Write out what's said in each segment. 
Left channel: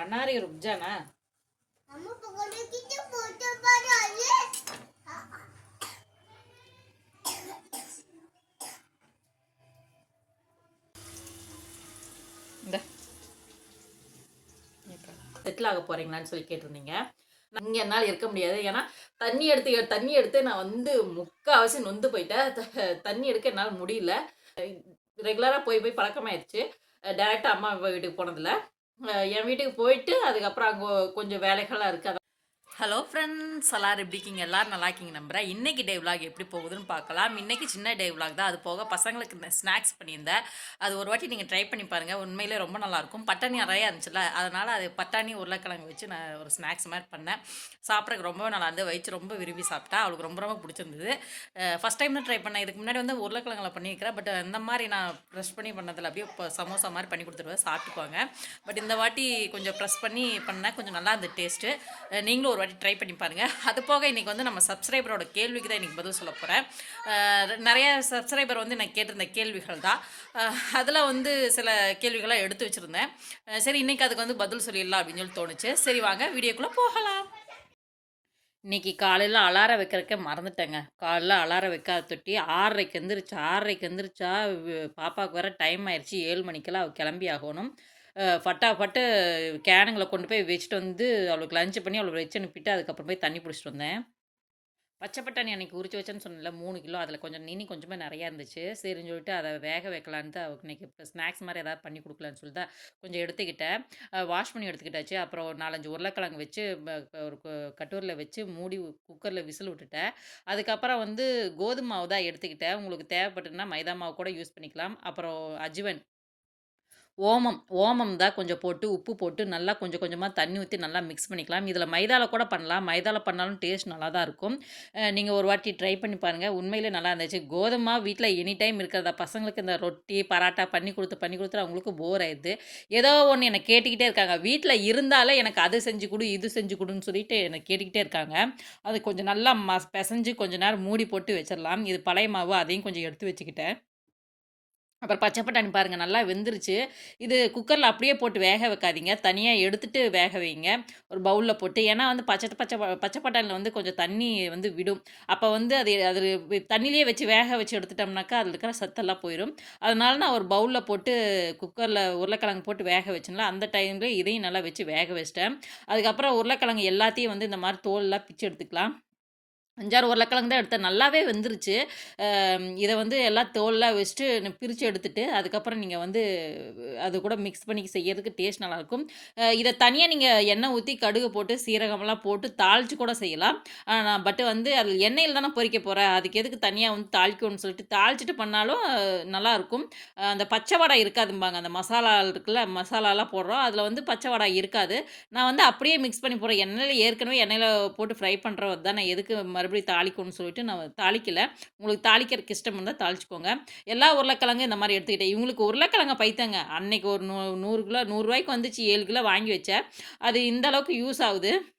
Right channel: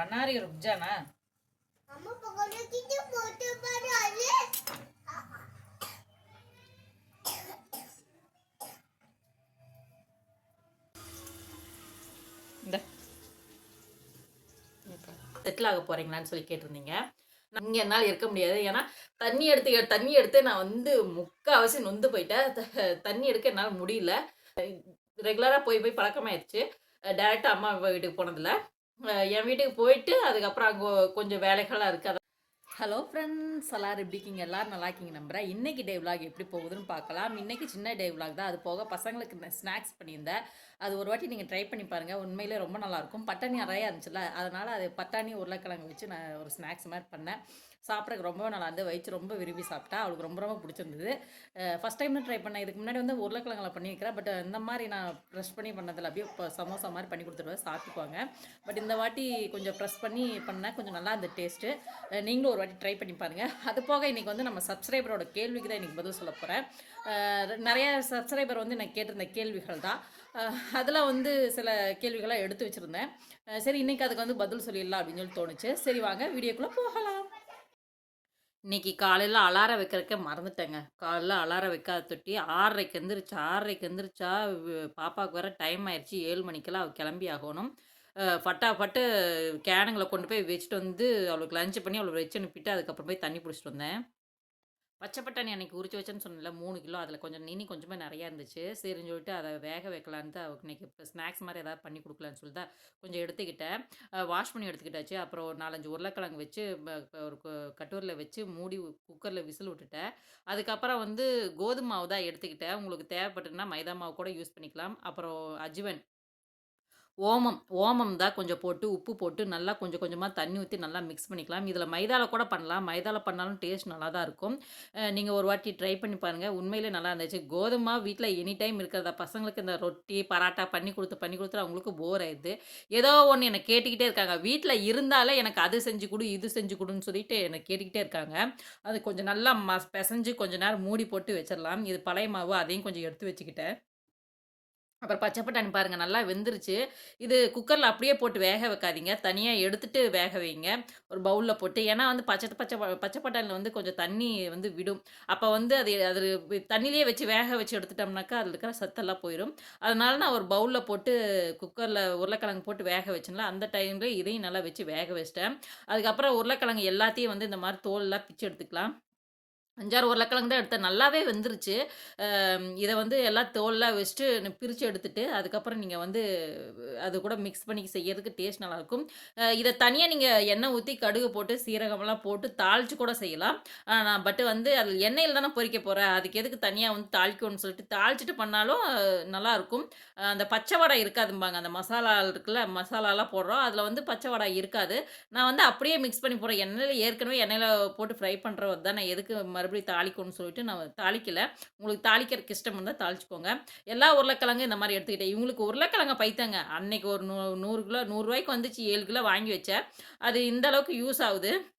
अनार रुक जाना अम्मा पकड़ने की तो फोटो पर आले இந்த செட்டில் ஆக போறீங்களான்னு சொல்லி கேட்டிருந்தீங்க இங்கே என்னால் இருக்க முடியாது ஏன்னா தண்ணி எடுத்து தண்ணி எடுத்து நான் வந்து முக்கால்வாசி நொந்து போயிட்டேன் த- தண்ணி எடுக்க என்னால் முடியல ரெகுலராக போய் போய் பழக்கமாயிருச்சு டேரெக்டாக அம்மா வீட்டுக்கு போனதில்ல அஹ் என் வீட்டுக்கு போயிட்டு அதுக்கப்புறம் அங்கே கொஞ்சம் வேலைகள்லாம் இருக்குது ஹலோ ஃப்ரெண்ட்ஸ் எல்லோரும் எப்படி இருக்கீங்க? எல்லோரும் நல்லா இருக்கீங்க நம்புகிறேன் இன்றைக்கி டே விளாக் எப்படி போகுதுன்னு பார்க்கலாம். இன்னைக்கு சின்ன டே vlog தான். அது போக பசங்களுக்கு ஸ்நாக்ஸ் பண்ணியிருந்தேன். அது ஒரு வாட்டி நீங்கள் ட்ரை பண்ணி பாருங்கள் உண்மையிலே ரொம்ப நல்லாயிருக்கும் பட்டாணி நிறையா இருந்துச்சுல்ல. அதனால் அது பட்டாணி உருளைக்கிழங்கு வச்சு நான் ஒரு ஸ்நாக்ஸ் மாதிரி பண்ணேன். சாப்பிட்றதுக்கு ரொம்பவே நல்லா இருந்து வயிற்று ரொம்ப விரும்பி சாப்பிட்டா அவளுக்கு ரொம்ப ரொம்ப பிடிச்சிருந்தது. ஃபஸ்ட் டைம் தான் ட்ரை பண்ணேன். இதுக்கு முன்னாடி வந்து உருளைக்கிழங்குல பண்ணியிருக்கிறேன். பட் இந்த மாதிரி நான் ப்ரெஷ் பண்ணி பண்ணதில் அப்படியே இப்போ சமோசா மாதிரி பண்ணி கொடுத்துருவேன். சாப்பிட்டுக்குவாங்க. பட் இந்த வாட்டி கொஞ்சம் ப்ரெஸ் பண்ணி பண்ணேன். கொஞ்சம் நல்லா இருந்தது டேஸ்ட்டு நீங்களும் ஒரு வாட்டி ட்ரை பண்ணி பாருங்கள் அது போக இன்றைக்கி வந்து நம்ம சப்ஸ்கிரைபரோட கேள்விக்கு தான் இன்றைக்கி பதில் சொல்ல போகிறேன் நிறைய சப்ஸ்கிரைபர் வந்து நான் கேட்டிருந்த கேள்விகள் தான். அதில் வந்து சில கேள்விகளாக எடுத்து வச்சுருந்தேன். சரி இன்றைக்கி அதுக்கு வந்து பதில் சொல்லிடலாம் அப்படின்னு சொல்லி தோணுச்சு. சரி வாங்க வீடியோக்குள்ளே போகலாம். இன்னைக்கு காலையில் அலாரம் வைக்கிறக்க மறந்துட்டேங்க. காலையில் அலாரம் வைக்காத தொட்டி ஆறரைக்கு எந்திரிச்சு ஆறரைக்கு எந்திரிச்சா பாப்பாவுக்கு வர டைம் ஆயிடுச்சு. ஏழு மணிக்கெல்லாம் அவள் கிளம்பி ஆகணும். ஃபட்டாஃபட்டு கேனுங்களை கொண்டு போய் வச்சுட்டு வந்து அவளுக்கு லஞ்ச் பண்ணி அவளுக்கு வச்சு அனுப்பிட்டு அதுக்கப்புறம் போய் தண்ணி பிடிச்சிட்டு வந்தேன். பச்சை பட்டாணி அன்னைக்கு உரிச்சு வச்சேன்னு சொன்னல மூணு கிலோ. அதில் கொஞ்சம் நினி கொஞ்சமே நிறையா இருந்துச்சு. சரின்னு சொல்லிட்டு அதை வேக வைக்கலான்ட்டு அவளுக்கு இன்னைக்கு இப்போ ஸ்நாக்ஸ் மாதிரி ஏதாவது பண்ணி கொடுக்கலான்னு சொல்லிட்டு தான் கொஞ்சம் எடுத்துக்கிட்டேன். வாஷ் பண்ணி எடுத்துக்கிட்டாச்சு. அப்புறம் ஒரு நாலஞ்சு உருளைக்கிழங்கு வச்சு ஒரு கட்டூரில் வச்சு மூடி குக்கரில் விசில் விட்டுட்டேன். அதுக்கப்புறம் வந்து கோதுமை மாவு தான் எடுத்துக்கிட்டேன். உங்களுக்கு தேவைப்பட்டுன்னா மைதா மாவு கூட யூஸ் பண்ணிக்கலாம். அப்புறம் அஜ்வன் ஓமம் ஓமம் தான் கொஞ்சம் போட்டு உப்பு போட்டு நல்லா கொஞ்சம் கொஞ்சமாக தண்ணி ஊற்றி நல்லா மிக்ஸ் பண்ணிக்கலாம். இதில் மைதாவில் கூட பண்ணலாம். மைதாவில் பண்ணாலும் டேஸ்ட் நல்லா தான் இருக்கும். நீங்கள் ஒரு வாட்டி ட்ரை பண்ணி பாருங்கள் உண்மையிலே நல்லா இருந்துச்சு. கோதுமா வீட்டில் எனி டைம் இருக்கிறத? பசங்களுக்கு இந்த ரொட்டி பராட்டா பண்ணி கொடுத்து பண்ணி கொடுத்து அவங்களுக்கு போர் ஆயிடுது. ஏதோ ஒன்று என்னை கேட்டுக்கிட்டே இருக்காங்க. வீட்டில் இருந்தாலே எனக்கு அது செஞ்சு கொடு இது செஞ்சு கொடுன்னு சொல்லிட்டு என்னை கேட்டுக்கிட்டே இருக்காங்க. அது கொஞ்சம் நல்லா ம பிசைஞ்சு கொஞ்சம் நேரம் மூடி போட்டு வச்சிடலாம். இது பழைய மாவு அதையும் கொஞ்சம் எடுத்து வச்சுக்கிட்டேன். அப்புறம் பச்சை பட்டாணி பாருங்கள் நல்லா வெந்துருச்சு. இது குக்கரில் அப்படியே போட்டு வேக வைக்காதீங்க. தனியாக எடுத்துட்டு வேக வைங்க. ஒரு பவுலில் போட்டு. ஏன்னா வந்து பச்சை பச்சை ப- பச்சை பட்டாணியில் வந்து கொஞ்சம் தண்ணி வந்து விடும். அப்போ வந்து அது அது தண்ணியிலே வச்சு வேக வச்சு எடுத்துட்டோம்னாக்கா அதில் இருக்கிற சத்தெல்லாம் போயிடும் அதனால நான் ஒரு பவுலில் போட்டு குக்கரில் உருளைக்கிழங்கு போட்டு வேக வச்சேன்ல அந்த டைமில் இதையும் நல்லா வச்சு வேக வச்சிட்டேன். அதுக்கப்புறம் உருளைக்கிழங்கு எல்லாத்தையும் வந்து இந்த மாதிரி தோலெல்லாம் பிச்சு எடுத்துக்கலாம். அஞ்சாறு உருளைக்கிழங்கு தான் எடுத்தேன். நல்லாவே வந்துருச்சு. இதை வந்து எல்லாம் தோல்லாம் வச்சுட்டு பிரித்து எடுத்துட்டு அதுக்கப்புறம் நீங்கள் வந்து அது கூட மிக்ஸ் பண்ணி செய்யறதுக்கு டேஸ்ட் நல்லாயிருக்கும். இதை தனியாக நீங்கள் எண்ணெய் ஊற்றி கடுகு போட்டு சீரகமெல்லாம் போட்டு தாளித்து கூட செய்யலாம். பட் வந்து அது எண்ணெயில் தானே பொறிக்க போகிறேன் அதுக்கு எதுக்கு தனியாக வந்து தாளிக்கணும்னு சொல்லிட்டு தாளிச்சிட்டு பண்ணாலும் நல்லாயிருக்கும். அந்த பச்சை வடை இருக்காதும்பாங்க. அந்த மசாலா இருக்குல்ல மசாலாலாம் போடுறோம். அதில் வந்து பச்சை வடை இருக்காது. நான் வந்து அப்படியே மிக்ஸ் பண்ணி போடுறேன். எண்ணெயில் ஏற்கனவே எண்ணெயில் போட்டு ஃப்ரை பண்ணுறது தான் நான் எதுக்கு மறுபடியும் தாளிக்கணும்னு சொல்லிட்டு நான் தாளிக்கலை. உங்களுக்கு தாளிக்கிறதுக்கு இஷ்டம் இருந்தால் தாளிச்சுக்கோங்க. எல்லா உருளைக்கிழங்கும் இந்த மாதிரி எடுத்துக்கிட்டேன். இவங்களுக்கு உருளைக்கிழங்க பைத்தாங்க. அன்னைக்கு ஒரு நூ நூறு கிலோ நூறுரூவாய்க்கு வந்துச்சு. ஏழு கிலோ வாங்கி வச்சேன். அது இந்த அளவுக்கு யூஸ் ஆகுது.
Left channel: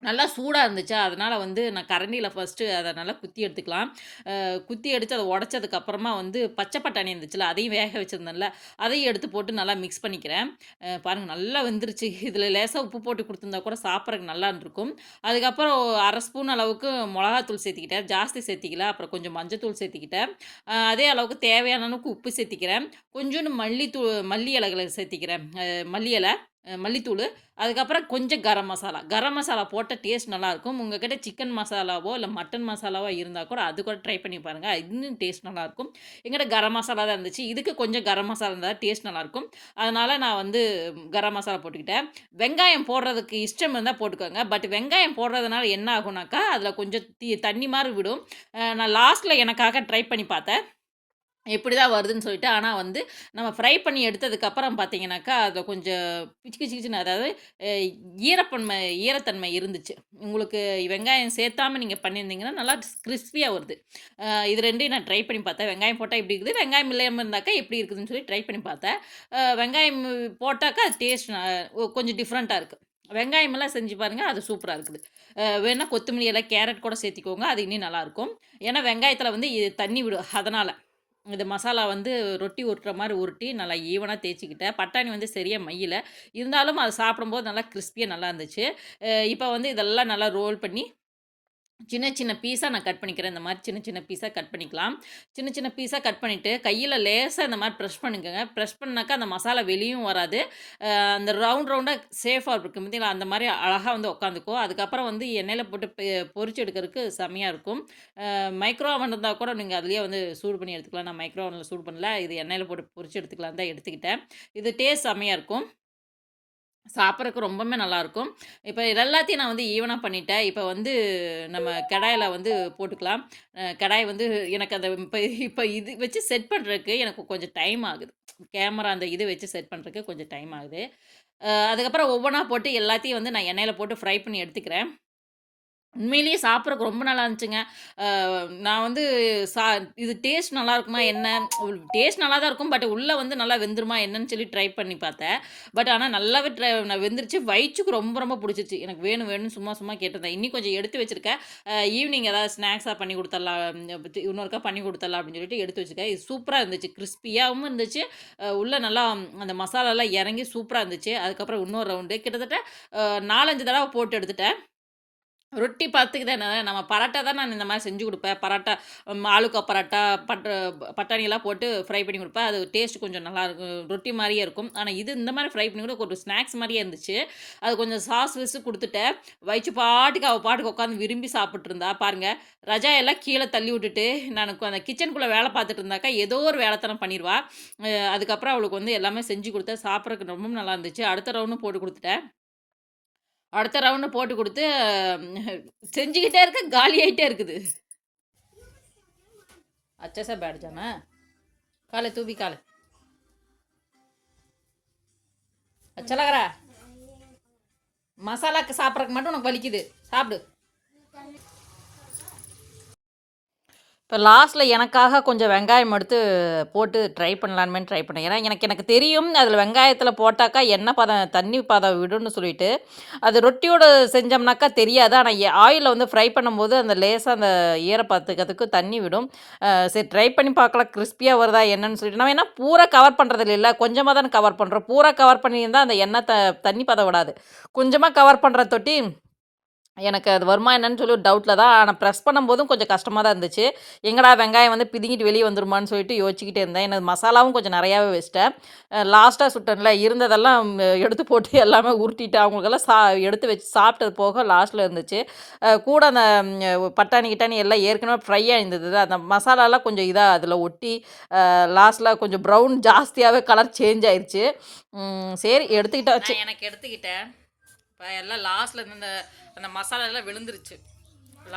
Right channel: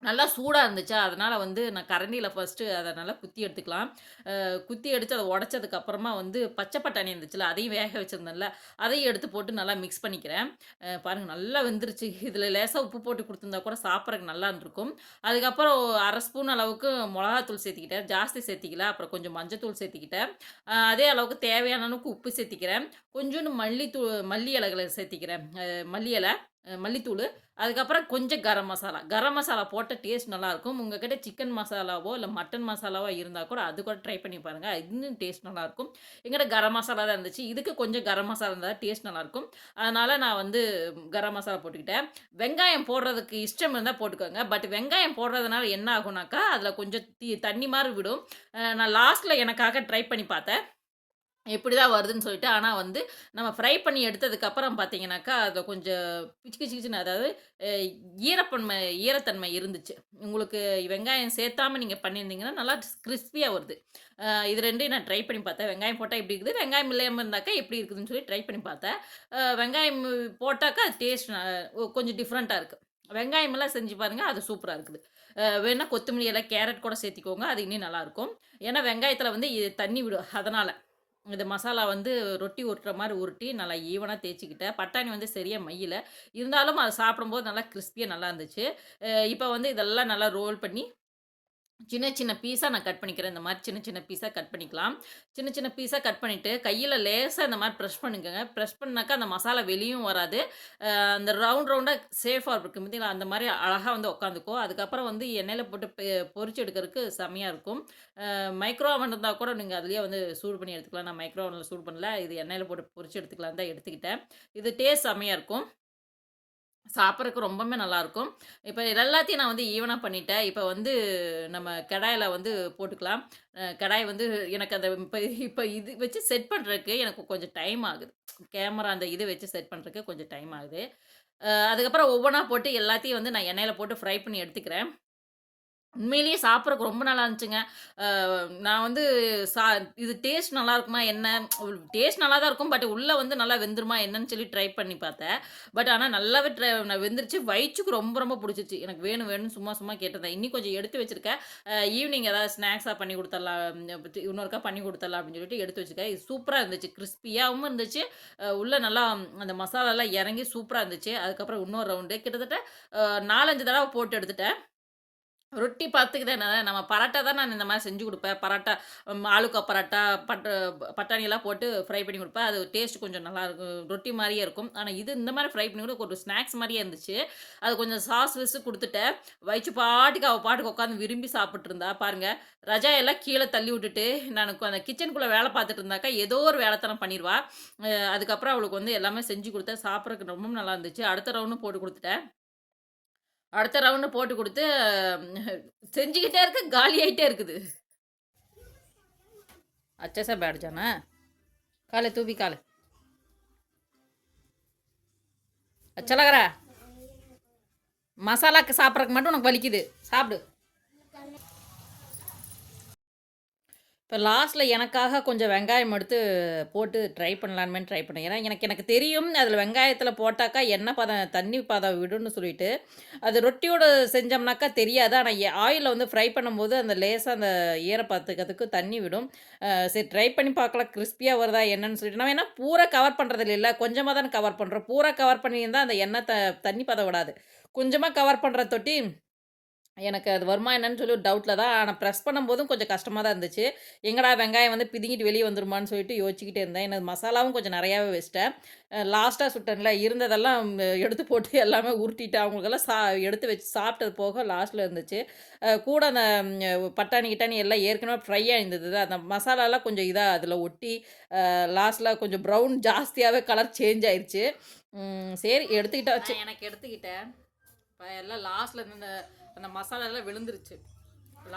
நல்லா சூடாக இருந்துச்சா? அதனால் வந்து நான் கரண்டியில் ஃபஸ்ட்டு அதை நல்லா குத்தி எடுத்துக்கலாம். அஹ் குத்தி எடுத்து அதை உடச்சதுக்கப்புறமா வந்து பச்சை பட்டாணி இருந்துச்சுல அதையும் வேக வச்சுருந்தேன்ல அதையும் எடுத்து போட்டு நல்லா மிக்ஸ் பண்ணிக்கிறேன். அஹ் பாருங்க நல்லா வெந்துருச்சு. இதில் லேசாக உப்பு போட்டு கொடுத்துருந்தா கூட சாப்பிட்றதுக்கு நல்லா இருந்திருக்கும். அதுக்கப்புறம் அரை ஸ்பூன் அளவுக்கு மிளகாத்தூள் சேர்த்திக்கிட்டேன். ஜாஸ்தி சேர்த்திக்கல அப்புறம் கொஞ்சம் மஞ்சத்தூள் சேர்த்திக்கிட்டேன். அஹ் அதே அளவுக்கு தேவையான அளவுக்கு உப்பு சேர்த்திக்கிறேன். கொஞ்சோண்டு மல்லித்தூள் மல்லி இலைகளை சேர்த்திக்கிறேன். அஹ் மல்லி இலை. மல்லித்தூள் அதுக்கப்புறம் கொஞ்சம் கரம் மசாலா. கரம் மசாலா போட்ட டேஸ்ட் நல்லாயிருக்கும். உங்ககிட்ட சிக்கன் மசாலாவோ இல்லை மட்டன் மசாலாவோ இருந்தால் கூட அது கூட ட்ரை பண்ணி பாருங்கள் இன்னும் டேஸ்ட் நல்லாயிருக்கும். எங்கிட்ட கரம் மசாலா தான் இருந்துச்சு. இதுக்கு கொஞ்சம் கரம் மசாலா இருந்தால் டேஸ்ட் நல்லாயிருக்கும். அதனால் நான் வந்து கரம் மசாலா போட்டுக்கிட்டேன். வெங்காயம் போடுறதுக்கு இஷ்டம் இருந்தால் போட்டுக்கோங்க. பட் வெங்காயம் போடுறதுனால என்ன ஆகுனாக்கா அதில் கொஞ்சம் தீ தண்ணி மாதிரி விடும். நான் லாஸ்ட்டில் எனக்காக ட்ரை பண்ணி பார்த்தேன். எப்படி தான் வருதுன்னு சொல்லிட்டு ஆனால் வந்து நம்ம ஃப்ரை பண்ணி எடுத்ததுக்கப்புறம் பார்த்தீங்கன்னாக்கா அதில் கொஞ்சம் பிச்சு பிச்சு பிச்சுன்னு அதாவது ஈரப்பன்மை ஈரத்தன்மை இருந்துச்சு. உங்களுக்கு வெங்காயம் சேர்த்தாமல் நீங்கள் பண்ணியிருந்தீங்கன்னா நல்லா கிறிஸ்பியாக வருது. இது ரெண்டையும் நான் ட்ரை பண்ணி பார்த்தேன். வெங்காயம் போட்டால் எப்படி இருக்குது வெங்காயம் இல்லாமல் இருந்தாக்கா எப்படி இருக்குதுன்னு சொல்லி ட்ரை பண்ணி பார்த்தேன். வெங்காயம் போட்டாக்கா அது டேஸ்ட் கொஞ்சம் டிஃப்ரெண்ட்டாக இருக்குது வெங்காயமெல்லாம் செஞ்சு பாருங்கள் அது சூப்பராக இருக்குது. வேணால் கொத்தமல்லி எல்லாம் கேரட் கூட சேர்த்திக்கோங்க அது இன்னும் நல்லாயிருக்கும் ஏன்னா வெங்காயத்தில் வந்து இது தண்ணி விடும் அதனால். இந்த மசாலா வந்து ரொட்டி உருட்டுற மாதிரி உருட்டி நல்லா ஈவனாக தேய்ச்சிக்கிட்டேன். பட்டாணி வந்து சரியாக மையில். இருந்தாலும் அது சாப்பிடும்போது நல்லா கிறிஸ்பியாக நல்லா இருந்துச்சு. இப்போ வந்து இதெல்லாம் நல்லா ரோல் பண்ணி சின்ன சின்ன பீஸாக நான் கட் பண்ணிக்கிறேன். இந்த மாதிரி சின்ன சின்ன பீஸாக கட் பண்ணிக்கலாம். சின்ன சின்ன பீஸாக கட் பண்ணிவிட்டு கையில் லேசாக இந்த மாதிரி ப்ரெஷ் பண்ணிக்கோங்க. ப்ரெஷ் பண்ணாக்கா அந்த மசாலா வெளியும் வராது. அந்த ரவுண்ட் ரவுண்டாக சேஃபாக இருக்கும். பார்த்தீங்களா அந்த மாதிரி அழகாக வந்து உட்காந்துக்கும். அதுக்கப்புறம் வந்து எண்ணெயில் போட்டு பொறிச்சு எடுக்கிறதுக்கு செம்மையாக இருக்கும். மைக்ரோ ஓவன் இருந்தால் கூட நீங்கள் அதுலேயே வந்து சூடு பண்ணி எடுத்துக்கலாம். நான் மைக்ரோ ஓவனில் சூடு பண்ணல. இது எண்ணெயில் போட்டு பொறிச்சு எடுத்துக்கலாம் தான் எடுத்துக்கிட்டேன். இது டேஸ்ட் செம்மையாக இருக்கும். சாப்பிட்றதுக்கு ரொம்பவுமே நல்லாயிருக்கும். இப்போ இது எல்லாத்தையும் நான் வந்து ஈவனாக பண்ணிட்டேன். இப்போ வந்து நம்ம கடாயில் வந்து போட்டுக்கலாம். கடாய் வந்து எனக்கு அந்த இப்போ இப்போ இது வச்சு செட் பண்ணுறதுக்கு எனக்கு கொஞ்சம் டைம் ஆகுது. கேமரா அந்த இது வச்சு செட் பண்ணுறதுக்கு கொஞ்சம் டைம் ஆகுது. அதுக்கப்புறம் ஒவ்வொன்றா போட்டு எல்லாத்தையும் வந்து நான் எண்ணெயில் போட்டு ஃப்ரை பண்ணி எடுத்துக்கிறேன். உண்மையிலேயே சாப்பிட்றக்கு ரொம்ப நல்லா இருந்துச்சுங்க. நான் வந்து சா இது டேஸ்ட் நல்லா இருக்குமா என்ன? டேஸ்ட் நல்லா தான் இருக்கும் பட் உள்ளே வந்து நல்லா வெந்துருமா என்னன்னு சொல்லி ட்ரை பண்ணி பார்த்தேன். பட் ஆனால் நல்லாவே ட்ரை நான் வெந்துருச்சு. வயிற்றுக்கு ரொம்ப ரொம்ப பிடிச்சிச்சு எனக்கு வேணும் வேணும்னு சும்மா சும்மா கேட்டிருந்தேன். இன்னும் கொஞ்சம் எடுத்து வச்சிருக்கேன். ஈவினிங் ஏதாவது ஸ்நாக்ஸாக பண்ணி கொடுத்துடலாம் இன்னொருக்கா பண்ணி கொடுத்துடலாம் அப்படின்னு சொல்லிட்டு எடுத்து வச்சுருக்கேன். இது சூப்பராக இருந்துச்சு. கிறிஸ்பியாகவும் இருந்துச்சு. உள்ளே நல்லா அந்த மசாலாலாம் இறங்கி சூப்பராக இருந்துச்சு. அதுக்கப்புறம் இன்னொரு ரவுண்டு கிட்டத்தட்ட நாலஞ்சு தடவை போட்டு எடுத்துட்டேன். ரொட்டி பார்த்துக்கு தானே நம்ம பரோட்டா தான் நான் இந்த மாதிரி செஞ்சு கொடுப்பேன். பரோட்டா ஆளுக்கா பரோட்டா பட் பட்டாணியெல்லாம் போட்டு ஃப்ரை பண்ணி கொடுப்பேன். அது டேஸ்ட் கொஞ்சம் நல்லா இருக்கும். ரொட்டி மாதிரியே இருக்கும். ஆனால் இது இந்த மாதிரி ஃப்ரை பண்ணி கூட ஒரு ஸ்நாக்ஸ் மாதிரியே இருந்துச்சு. அது கொஞ்சம் சாஸ் விசு கொடுத்துட்டேன். வயிற்று பாட்டுக்கு அவள் பாட்டுக்கு உட்காந்து விரும்பி சாப்பிட்ருந்தா பாருங்க ரஜா எல்லாம் கீழே தள்ளி விட்டுட்டு நான் அந்த கிச்சனுக்குள்ளே வேலை பார்த்துட்டு இருந்தாக்கா ஏதோ ஒரு வேலைத்தனம் பண்ணிடுவா அதுக்கப்புறம் அவளுக்கு வந்து எல்லாமே செஞ்சு கொடுத்தேன். சாப்பிட்றதுக்கு ரொம்ப நல்லா இருந்துச்சு. அடுத்த ரவுண்டும் போட்டு கொடுத்துட்டேன். அடுத்த ரவுண்டு போட்டு கொடுத்து செஞ்சுக்கிட்டே இருக்க காலி ஆகிட்டே இருக்குது. அச்சா சார் பேடிச்சானா காலை தூவி காலை. அச்சலகரா மசாலாக்கு சாப்பிட்றக்கு மட்டும் உனக்கு வலிக்குது. சாப்பிடு. இப்போ லாஸ்ட்டில் எனக்காக கொஞ்சம் வெங்காயம் எடுத்து போட்டு ட்ரை பண்ணலான்னு ட்ரை பண்ணேன். ஏன்னா எனக்கு எனக்கு தெரியும் அதில் வெங்காயத்தில் போட்டாக்கா எண்ணெய் பதம் தண்ணி பதம் விடும்னு சொல்லிட்டு. அது ரொட்டியோடு செஞ்சோம்னாக்கா தெரியாது. ஆனால் ஆயிலில் வந்து ஃப்ரை பண்ணும்போது அந்த லேசாக அந்த ஈரப்பத்துக்கிறதுக்கு தண்ணி விடும். சரி ட்ரை பண்ணி பார்க்கலாம் கிறிஸ்பியாக வருதா என்னன்னு சொல்லிட்டு. நம்ம என்ன பூரா கவர் பண்ணுறது இல்லை. கொஞ்சமாக தானே கவர் பண்ணுறோம் பூரா கவர் பண்ணியிருந்தால் அந்த எண்ணெய் த தண்ணி பதம் விடாது. கொஞ்சமாக கவர் பண்ணுற தொட்டி எனக்கு அது வருமா என்னன்னு சொல்லி டவுட்டில் தான். ஆனால் ப்ரெஸ் பண்ணும்போதும் கொஞ்சம் கஷ்டமாக தான் இருந்துச்சு. எங்கடா வெங்காயம் வந்து பிதுங்கிட்டு வெளியே வந்துருமான்னு சொல்லிட்டு யோசிச்சுக்கிட்டே இருந்தேன். எனக்கு மசாலாவும் கொஞ்சம் நிறையாவே வச்சிட்டேன். லாஸ்ட்டாக சுட்டனில் இருந்ததெல்லாம் எடுத்து போட்டு எல்லாமே உருட்டிட்டு அவங்களுக்கெல்லாம் சா எடுத்து வச்சு சாப்பிட்டது போக லாஸ்ட்டில் இருந்துச்சு. கூட அந்த பட்டாணி கிட்டாணி எல்லாம் ஏற்கனவே ஃப்ரையாக இருந்தது. அந்த மசாலாலாம் கொஞ்சம் இதாக அதில் ஒட்டி லாஸ்ட்டில் கொஞ்சம் ப்ரௌன் ஜாஸ்தியாகவே கலர் சேஞ்ச் ஆயிடுச்சு சரி சரி எடுத்துக்கிட்டாச்சு. எனக்கு எடுத்துக்கிட்டேன். இப்போ எல்லாம் லாஸ்ட்டில் இந்த அந்த மசாலா எல்லாம் விழுந்துருச்சு.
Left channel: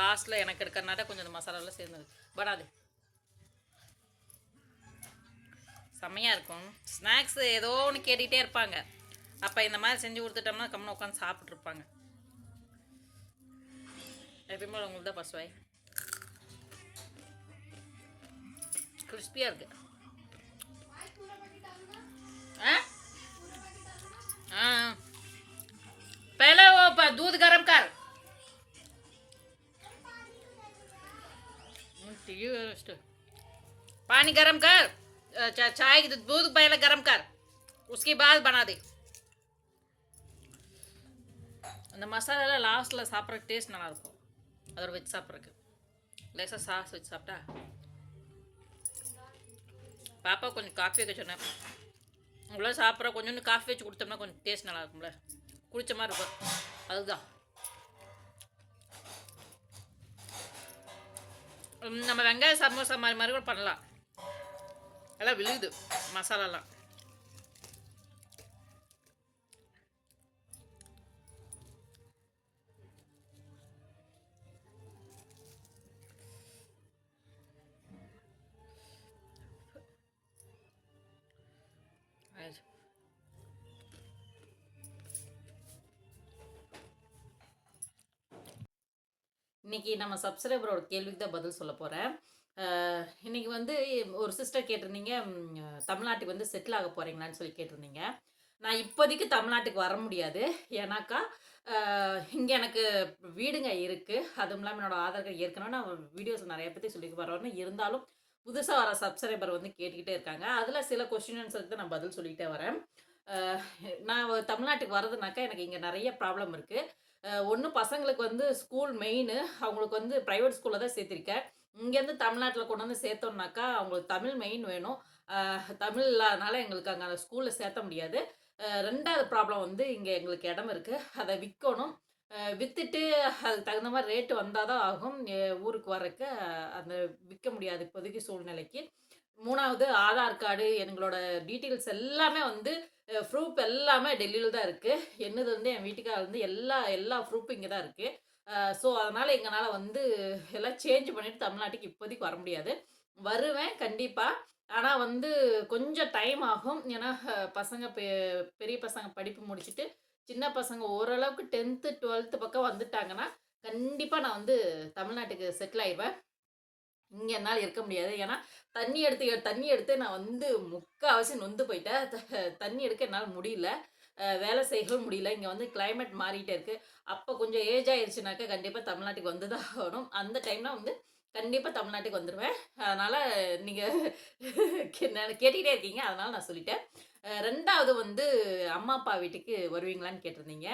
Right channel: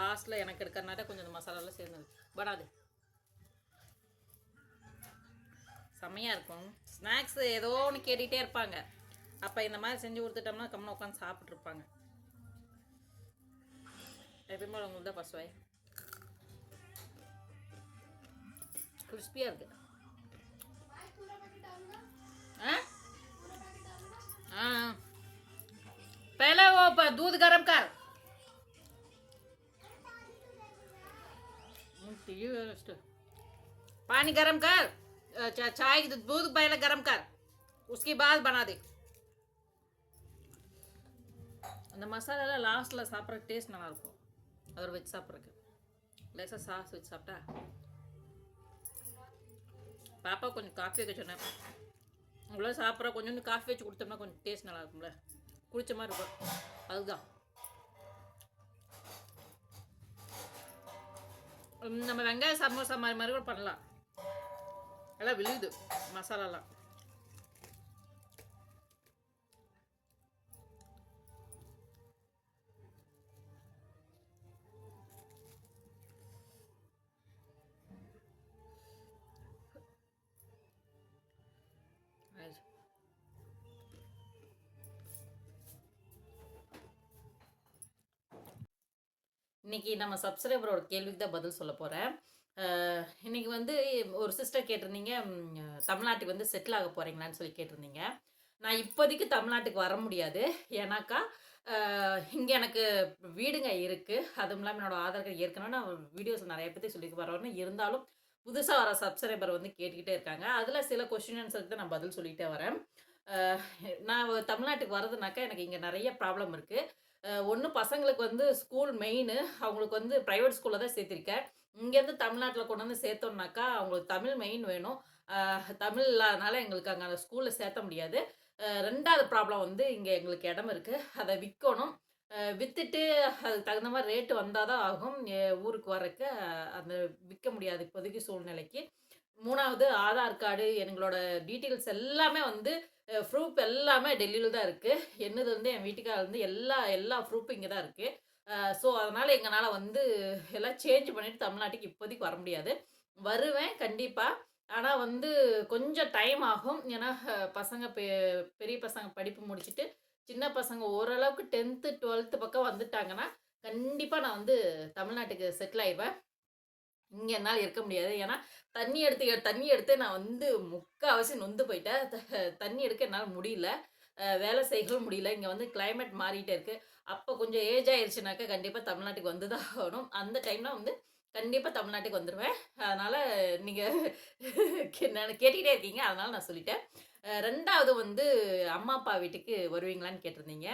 லாஸ்ட்டில் எனக்கு எடுக்கிறனால கொஞ்சம் அந்த மசாலாலாம் சேர்ந்தது. படாது செம்மையாக இருக்கும். ஸ்நாக்ஸ் ஏதோ ஒன்று கேட்டுக்கிட்டே இருப்பாங்க. அப்போ இந்த மாதிரி செஞ்சு கொடுத்துட்டோம்னா கம்முன்னு உட்காந்து சாப்பிட்ருப்பாங்க எப்பயுமே உங்களுக்கு தான் பசுவாய். வாய் கிறிஸ்பியாக இருக்கு. पानी गर्म कर अ, चा- चाय की दूध पहले गर्म कर उसके बाद बना दे அந்த மசாலாலாம் லாஸ்ட்டில் சாப்பிட்ற டேஸ்ட் நல்லா இருக்கும் அதோட வச்சு சாப்பிட்றதுக்கு லேசாக சாஸ் வச்சு சாப்பிட்டா பாப்பா கொஞ்சம் காஃபி வைக்க சொன்னேன் அவ்வளோ சாப்பிட்ற கொஞ்சோண்டு காஃபி வச்சு கொடுத்தோம்னா கொஞ்சம் டேஸ்ட் நல்லா இருக்கும்ல குடிச்ச மாதிரி இருக்கும் அதுதான் உம், நம்ம வெங்காய சமோசா மாதிரி மாதிரி கூட பண்ணலாம் எல்லாம் விழுது மசாலாலாம். இன்னைக்கு நம்ம சப்ஸ்கிரைபரோட கேள்விக்கு தான் பதில் சொல்ல போகிறேன் இன்னைக்கு வந்து ஒரு சிஸ்டர் கேட்டிருந்தீங்க தமிழ்நாட்டுக்கு வந்து செட்டில் ஆக போகிறீங்களான்னு சொல்லி கேட்டிருந்தீங்க. நான் இப்போதைக்கு தமிழ்நாட்டுக்கு வர முடியாது. ஏன்னாக்கா இங்கே எனக்கு வீடுங்க இருக்குது அதுவும் இல்லாமல் என்னோட ஆதார் கார்டு ஏற்கனவே நான் வீடியோஸ் நிறைய பற்றி சொல்லி வரேன்னு இருந்தாலும் புதுசாக வர சப்ஸ்கிரைபர் வந்து கேட்டுக்கிட்டே இருக்காங்க. அதில் சில கொஸ்டின்ஸுக்கு தான் நான் பதில் சொல்லிகிட்டே வரேன். நான் தமிழ்நாட்டுக்கு வர்றதுனாக்கா எனக்கு இங்கே நிறைய ப்ராப்ளம் இருக்குது ஒன்று பசங்களுக்கு வந்து ஸ்கூல் மெயின் அவங்களுக்கு வந்து ப்ரைவேட் ஸ்கூலில் தான் சேர்த்துருக்கேன். இங்கேருந்து தமிழ்நாட்டில் கொண்டு வந்து சேர்த்தோம்னாக்கா அவங்களுக்கு தமிழ் மெயின் வேணும். தமிழ் இல்லாதனால எங்களுக்கு அங்கே ஸ்கூலில் சேர்த்த முடியாது. ரெண்டாவது ப்ராப்ளம் வந்து இங்கே எங்களுக்கு இடம் இருக்குது அதை விற்கணும். விற்றுட்டு அது அதுக்கு தகுந்த மாதிரி ரேட்டு வந்தால் தான் ஆகும். ஊருக்கு வரக்கு அந்த விற்க முடியாது இப்போதைக்கு சூழ்நிலைக்கு. மூணாவது ஆதார் கார்டு எங்களோட டீட்டெயில்ஸ் எல்லாமே வந்து ப்ரூஃப் எல்லாமே டெல்லியில் தான் இருக்குது என்னது வந்து என் வீட்டுக்காரர் வந்து எல்லா எல்லா ப்ரூஃபும் இங்கே தான் இருக்குது ஸோ அதனால் எங்களால் வந்து எல்லாம் சேஞ்ச் பண்ணிட்டு தமிழ்நாட்டுக்கு இப்போதைக்கு வர முடியாது. வருவேன் கண்டிப்பாக ஆனால் வந்து கொஞ்சம் டைம் ஆகும். ஏன்னா பசங்க பெ- பெரிய பசங்க படிப்பு முடிச்சுட்டு சின்ன பசங்க ஓரளவுக்கு டென்த்து டுவெல்த்து பக்கம் வந்துட்டாங்கன்னா கண்டிப்பாக நான் வந்து தமிழ்நாட்டுக்கு செட்டில் ஆயிடுவேன். இங்கே என்னால் இருக்க முடியாது. ஏன்னா தண்ணி எடுத்து தண்ணி எடுத்து நான் வந்து முக்கால்வாசி நொந்து போயிட்டேன். தண்ணி எடுக்க என்னால் முடியல. வேலை செய்யவும் முடியல. இங்கே வந்து கிளைமேட் மாறிட்டே இருக்கு. அப்போ கொஞ்சம் ஏஜ் ஆயிடுச்சுனாக்கா கண்டிப்பாக தமிழ்நாட்டுக்கு வந்து தான் ஆகணும். அந்த டைமில் வந்து கண்டிப்பாக தமிழ்நாட்டுக்கு வந்துடுவேன் அதனால் நீங்கள் கேட்டுக்கிட்டே இருக்கீங்க. அதனால் நான் சொல்லிட்டேன். ரெண்டாவது வந்து அம்மா அப்பா வீட்டுக்கு வருவீங்களான்னு கேட்டிருந்தீங்க.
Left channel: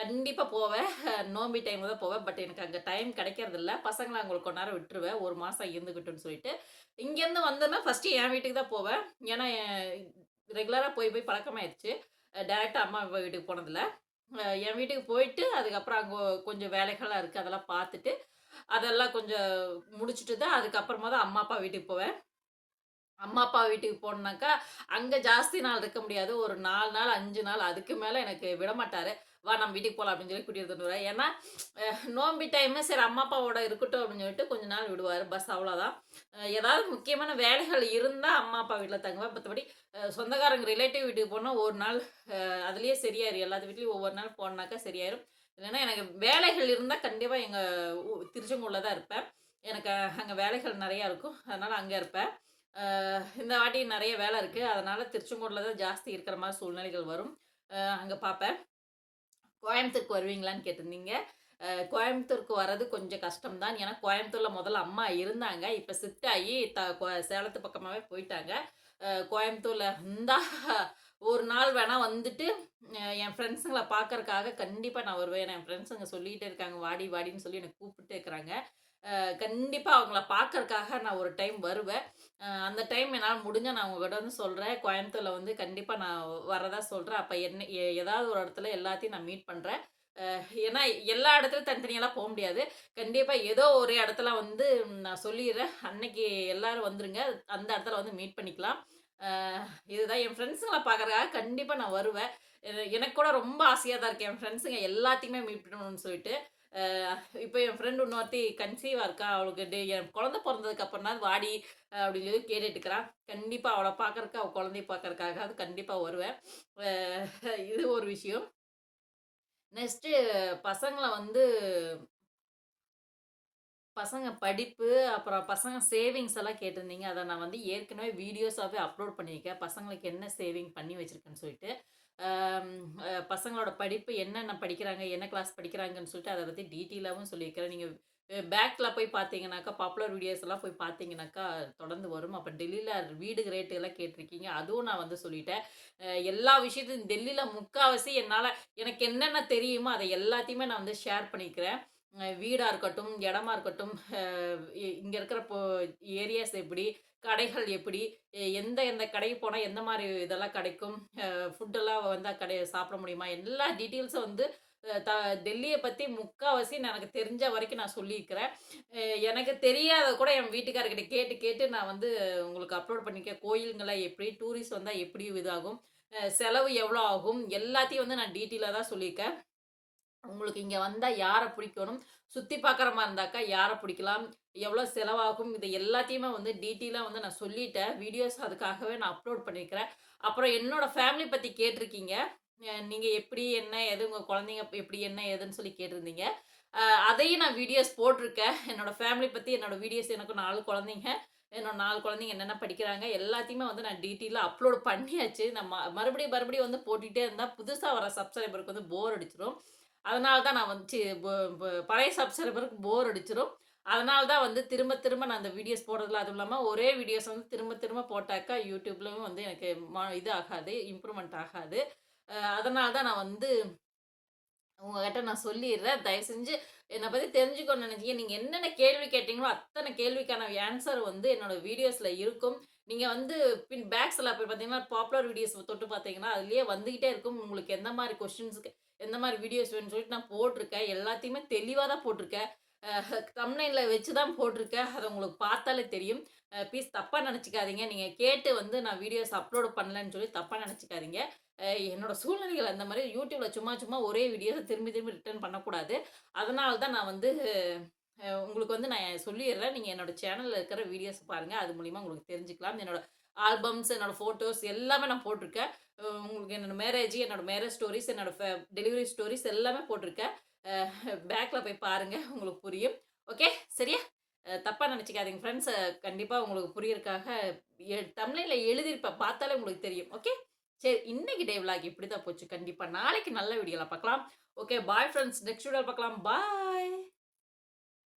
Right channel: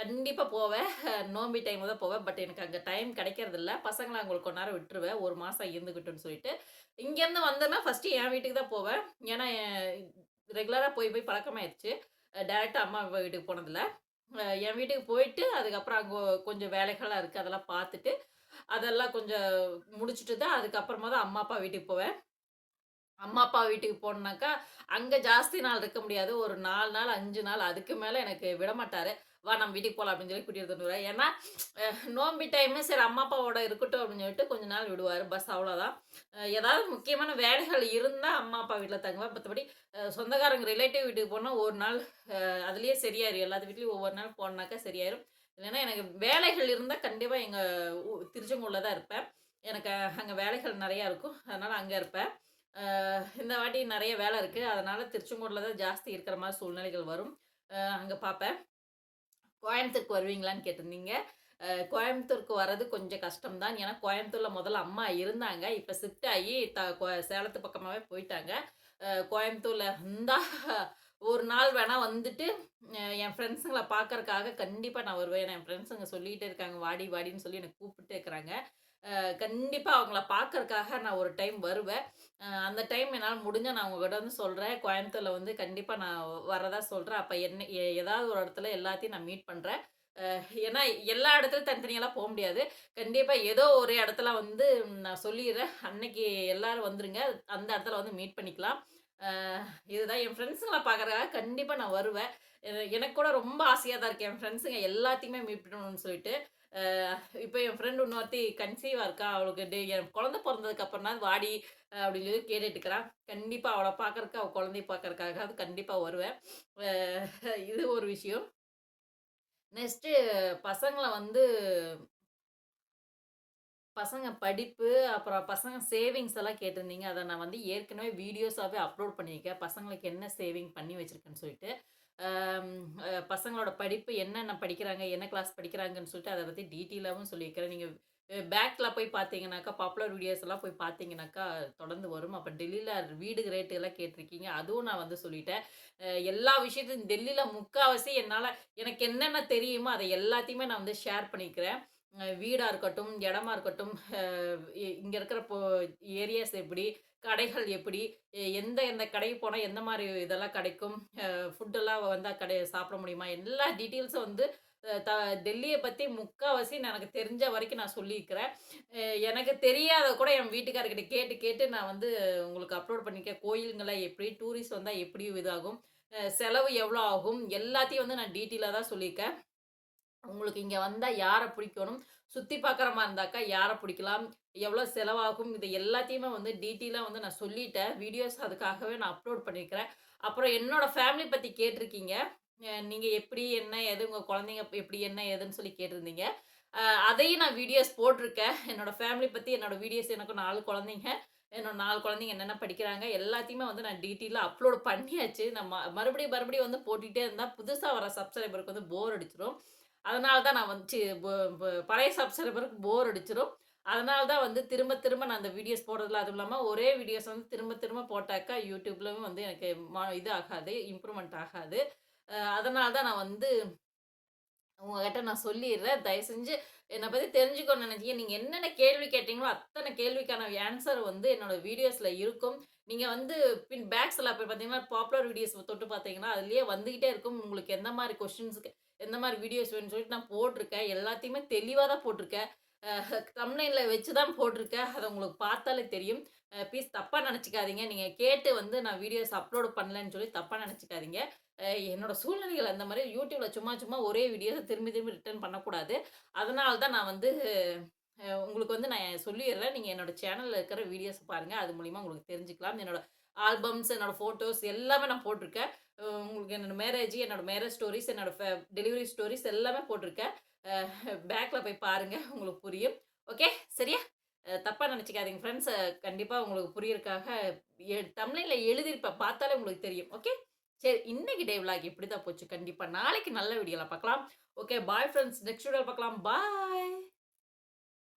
கண்டிப்பாக போவேன். நோம்பி டைம் தான் போவேன். பட் எனக்கு அங்கே டைம் கிடைக்கிறது இல்லை பசங்களை அவங்களுக்கு கொஞ்ச நேரம் விட்டுருவேன். ஒரு மாதம் இருந்துக்கிட்டுன்னு சொல்லிட்டு. இங்கேருந்து வந்தேன்னா ஃபஸ்ட்டு என் வீட்டுக்கு தான் போவேன். ஏன்னா ரெகுலராக போய் போய் பழக்கமாயிருச்சு. டேரெக்டாக அம்மா அப்பா வீட்டுக்கு போனதில்ல. என் வீட்டுக்கு போயிட்டு அதுக்கப்புறம் அங்கே கொஞ்சம் வேலைகள்லாம் இருக்குது அதெல்லாம் பார்த்துட்டு அதெல்லாம் கொஞ்சம் முடிச்சுட்டு தான் அதுக்கப்புறமா தான் அம்மா அப்பா வீட்டுக்கு போவேன். அம்மா அப்பா வீட்டுக்கு போனாக்கா அங்கே ஜாஸ்தி நாள் இருக்க முடியாது. ஒரு நாலு நாள் அஞ்சு நாள் அதுக்கு மேலே எனக்கு விடமாட்டார். வா நம்ம வீட்டுக்கு போகலாம் அப்படின்னு சொல்லி கூட்டிகிட்டு வந்துடுவேன் ஏன்னா நோம்பி டைமு சரி அம்மா அப்பாவோட இருக்கட்டும் அப்படின்னு சொல்லிட்டு கொஞ்ச நாள் விடுவார் பஸ் அவ்வளோதான் ஏதாவது முக்கியமான வேலைகள் இருந்தால் அம்மா அப்பா வீட்டில் தங்குவேன் மற்றபடி சொந்தக்காரங்க ரிலேட்டிவ் வீட்டுக்கு போனால் ஒரு நாள் அதுலேயே சரியாயிரும். எல்லாத்து வீட்லேயும் ஒவ்வொரு நாள் போனாக்கா சரியாயிரும். இல்லைன்னா எனக்கு வேலைகள் இருந்தால் கண்டிப்பாக எங்கள் திருச்செங்கூரில் தான் இருப்பேன். எனக்கு அங்கே வேலைகள் நிறையா இருக்கும். அதனால் அங்கே இருப்பேன். இந்த வாட்டி நிறைய வேலை இருக்குது அதனால் திருச்செங்கூரில் தான் ஜாஸ்தி இருக்கிற மாதிரி சூழ்நிலைகள் வரும். அங்கே பார்ப்பேன். கோயம்புத்தூருக்கு வருவீங்களான்னு கேட்டிருந்தீங்க. கோயம்புத்தூருக்கு வர்றது கொஞ்சம் கஷ்டம்தான். ஏன்னா கோயம்புத்தூரில் முதல்ல அம்மா இருந்தாங்க. இப்போ ஷிஃப்ட் ஆகி த கோ- சேலத்து பக்கமாகவே போயிட்டாங்க. கோயம்புத்தூரில் கோயம்புத்தூர்ல இருந்தா ஒரு நாள் வேணா வந்துட்டு என் ஃப்ரெண்ட்ஸுங்களை பார்க்கறக்காக கண்டிப்பாக நான் வருவேன். என் ஃப்ரெண்ட்ஸுங்க சொல்லிகிட்டே இருக்காங்க. வாடி வாடின்னு சொல்லி என்னை கூப்பிட்டு இருக்கிறாங்க. கண்டிப்பாக அவங்கள பார்க்கறக்காக நான் ஒரு டைம் வருவேன். அந்த டைம் என்னால் முடிஞ்ச நான் உங்ககிட்ட வந்து சொல்கிறேன் கோயம்புத்தூரில் வந்து கண்டிப்பாக நான் வரதா சொல்கிறேன் அப்போ என்ன ஏதாவது ஒரு இடத்துல எல்லாத்தையும் நான் மீட் பண்ணுறேன் ஏன்னா எல்லா இடத்துலையும் தனித்தனியெல்லாம் போக முடியாது. கண்டிப்பாக ஏதோ ஒரு இடத்துல வந்து நான் சொல்லிடுறேன். அன்னைக்கு எல்லாரும் வந்துருங்க. அந்த இடத்துல வந்து மீட் பண்ணிக்கலாம். இதுதான் என் ஃப்ரெண்ட்ஸுங்களை பார்க்குறதுக்காக கண்டிப்பாக நான் வருவேன். எனக்கு கூட ரொம்ப ஆசையாக தான் இருக்கேன் என் ஃப்ரெண்ட்ஸுங்க எல்லாத்தையுமே மீட் பண்ணணும்னு சொல்லிட்டு. இப்போ என் ஃப்ரெண்டு இன்னொருத்தி கன்சீவாக இருக்கா அவளுக்கு டே என் குழந்த பிறந்ததுக்கு அப்புறம் தான் வாடி அப்படின்னு சொல்லி கேட்டுட்டு இருக்கிறான் கண்டிப்பாக அவளை பார்க்கறக்கு அவள் குழந்தைய பார்க்கறக்காக அது கண்டிப்பாக வருவேன். இது ஒரு விஷயம். நெக்ஸ்ட்டு பசங்களை வந்து பசங்க படிப்பு அப்புறம் பசங்க சேவிங்ஸ் எல்லாம் கேட்டிருந்தீங்க. அதை நான் வந்து ஏற்கனவே வீடியோஸாகவே அப்லோட் பண்ணியிருக்கேன். பசங்களுக்கு என்ன சேவிங் பண்ணி வச்சுருக்கேன்னு சொல்லிட்டு. பசங்களோட படிப்பு என்னென்ன படிக்கிறாங்க என்ன கிளாஸ் படிக்கிறாங்கன்னு சொல்லிட்டு அதை பற்றி டீட்டெயிலாகவும் சொல்லியிருக்கிறேன். நீங்கள் பேக்கில் போய் பார்த்தீங்கன்னாக்கா பாப்புலர் வீடியோஸ் எல்லாம் போய் பார்த்தீங்கன்னாக்கா தொடர்ந்து வரும். அப்போ டெல்லியில் வீடு ரேட்டு எல்லாம் கேட்டிருக்கீங்க. அதுவும் நான் வந்து சொல்லிட்டேன். எல்லா விஷயத்தையும் டெல்லியில் முக்கால்வாசி என்னால் எனக்கு என்னென்ன தெரியுமோ அதை எல்லாத்தையுமே நான் வந்து ஷேர் பண்ணிக்கிறேன். வீடாக இருக்கட்டும் இடமா இருக்கட்டும் இங்கே இ- இருக்கிற இப்போ ஏரியாஸ் எப்படி கடைகள் எப்படி? எந்த எந்த கடைக்கு போனால் எந்த மாதிரி இதெல்லாம் கிடைக்கும்? ஃபுட்டெல்லாம் வந்தால் கடை சாப்பிட முடியுமா? எல்லா டீட்டெயில்ஸும் வந்து த டெல்லியை பற்றி முக்கால்வாசி எனக்கு தெரிஞ்ச வரைக்கும் நான் சொல்லியிருக்கிறேன். எனக்கு தெரியாத கூட என் வீட்டுக்காரர்கிட்ட கேட்டு கேட்டு நான் வந்து உங்களுக்கு அப்லோட் பண்ணியிருக்கேன் கோயிலுங்கெல்லாம் எப்படி டூரிஸ்ட் வந்தால் எப்படி இதாகும்? செலவு எவ்வளோ ஆகும்? எல்லாத்தையும் வந்து நான் டீட்டெயிலாக தான் சொல்லியிருக்கேன். உங்களுக்கு இங்கே வந்தால் யாரை பிடிக்கணும்? சுற்றி பார்க்குற மாதிரி இருந்தாக்கா யாரை பிடிக்கலாம்? எவ்வளோ செலவாகும்? இது எல்லாத்தையுமே வந்து டீட்டெயிலாக வந்து நான் சொல்லிட்டேன். வீடியோஸ் அதுக்காகவே நான் அப்லோட் பண்ணியிருக்கிறேன் அப்புறம் என்னோட ஃபேமிலி பற்றி கேட்டிருக்கீங்க. நீங்கள் எப்படி என்ன எது உங்கள் குழந்தைங்க எப்படி என்ன ஏதுன்னு சொல்லி கேட்டிருந்தீங்க. அதையும் நான் வீடியோஸ் போட்டிருக்கேன். என்னோட ஃபேமிலி பற்றி என்னோட வீடியோஸ் எனக்கு நாலு குழந்தைங்க. என்னோட நாலு குழந்தைங்க என்னென்ன படிக்கிறாங்க எல்லாத்தையுமே வந்து நான் டீட்டெயிலாக அப்லோட் பண்ணியாச்சு. நான் மறுபடியும் மறுபடியும் வந்து போட்டுகிட்டே இருந்தால் புதுசாக வர சப்ஸ்கிரைபருக்கு வந்து போர் அடிச்சிடும். அதனால தான் நான் வந்து பழைய சப்ஸ்கிரைபருக்கு போர் அடிச்சிடும் அதனால தான் வந்து திரும்ப திரும்ப நான் அந்த வீடியோஸ் போடுறதுல அதுவும் இல்லாமல் ஒரே வீடியோஸ் வந்து திரும்ப திரும்ப போட்டாக்கா யூடியூப்லயும் வந்து எனக்கு இது ஆகாது இம்ப்ரூவ்மெண்ட் ஆகாது. அதனால தான் நான் வந்து உங்ககிட்ட நான் சொல்லிடுறேன். தயவு செஞ்சு என்னை பற்றி தெரிஞ்சுக்கணும்னு நினைச்சீங்க நீங்கள் என்னென்ன கேள்வி கேட்டீங்களோ அத்தனை கேள்விக்கான ஆன்சர் வந்து என்னோட வீடியோஸில் இருக்கும். நீங்கள் வந்து பின் பேக்ஸில் போய் பார்த்தீங்கன்னா பாப்புலர் வீடியோஸ் தொட்டு பார்த்தீங்கன்னா அதுலேயே வந்துக்கிட்டே இருக்கும். உங்களுக்கு எந்த மாதிரி கொஸ்டின்ஸுக்கு எந்த மாதிரி வீடியோஸ் வேணும்னு சொல்லிட்டு நான் போட்டிருக்கேன். எல்லாத்தையுமே தெளிவாக தான் போட்டிருக்கேன். தம்னைனில் வச்சு தான் போட்டிருக்கேன். அதை உங்களுக்கு பார்த்தாலே தெரியும். ப்ளீஸ் தப்பாக நினச்சிக்காதீங்க. நீங்கள் கேட்டு வந்து நான் வீடியோஸ் அப்லோடு பண்ணலன்னு சொல்லி தப்பாக நினச்சிக்காதீங்க. என்னோட சூழ்நிலைகள் அந்த மாதிரி யூடியூப்ல சும்மா சும்மா ஒரே வீடியோஸை திரும்பி திரும்பி ரிட்டர்ன் பண்ணக்கூடாது. அதனால தான் நான் வந்து உங்களுக்கு வந்து நான் சொல்லிடுறேன். நீங்கள் என்னோட சேனலில் இருக்கிற வீடியோஸ் பாருங்கள் அது மூலிமா உங்களுக்கு தெரிஞ்சுக்கலாம். என்னோட ஆல்பம்ஸ் என்னோட ஃபோட்டோஸ் எல்லாமே நான் போட்டிருக்கேன். உங்களுக்கு என்னோட மேரேஜ் என்னோட மேரேஜ் ஸ்டோரிஸ் என்னோட டெலிவரி ஸ்டோரிஸ் எல்லாமே போட்டிருக்கேன். பேக்கில் போய் பாருங்கள் உங்களுக்கு புரியும். ஓகே சரியா? தப்பாக நினச்சிக்காதீங்க ஃப்ரெண்ட்ஸ் கண்டிப்பாக உங்களுக்கு புரியறதுக்காக தமிழில் எழுதியிருப்பேன் பார்த்தாலே உங்களுக்கு தெரியும். ஓகே சரி இன்னைக்கு டே விளாக் இப்படி தான் போச்சு. கண்டிப்பாக நாளைக்கு நல்ல வீடியோவில் பார்க்கலாம். ஓகே பாய் ஃப்ரெண்ட்ஸ் நெக்ஸ்ட் வீடியோவில் பார்க்கலாம். பாய்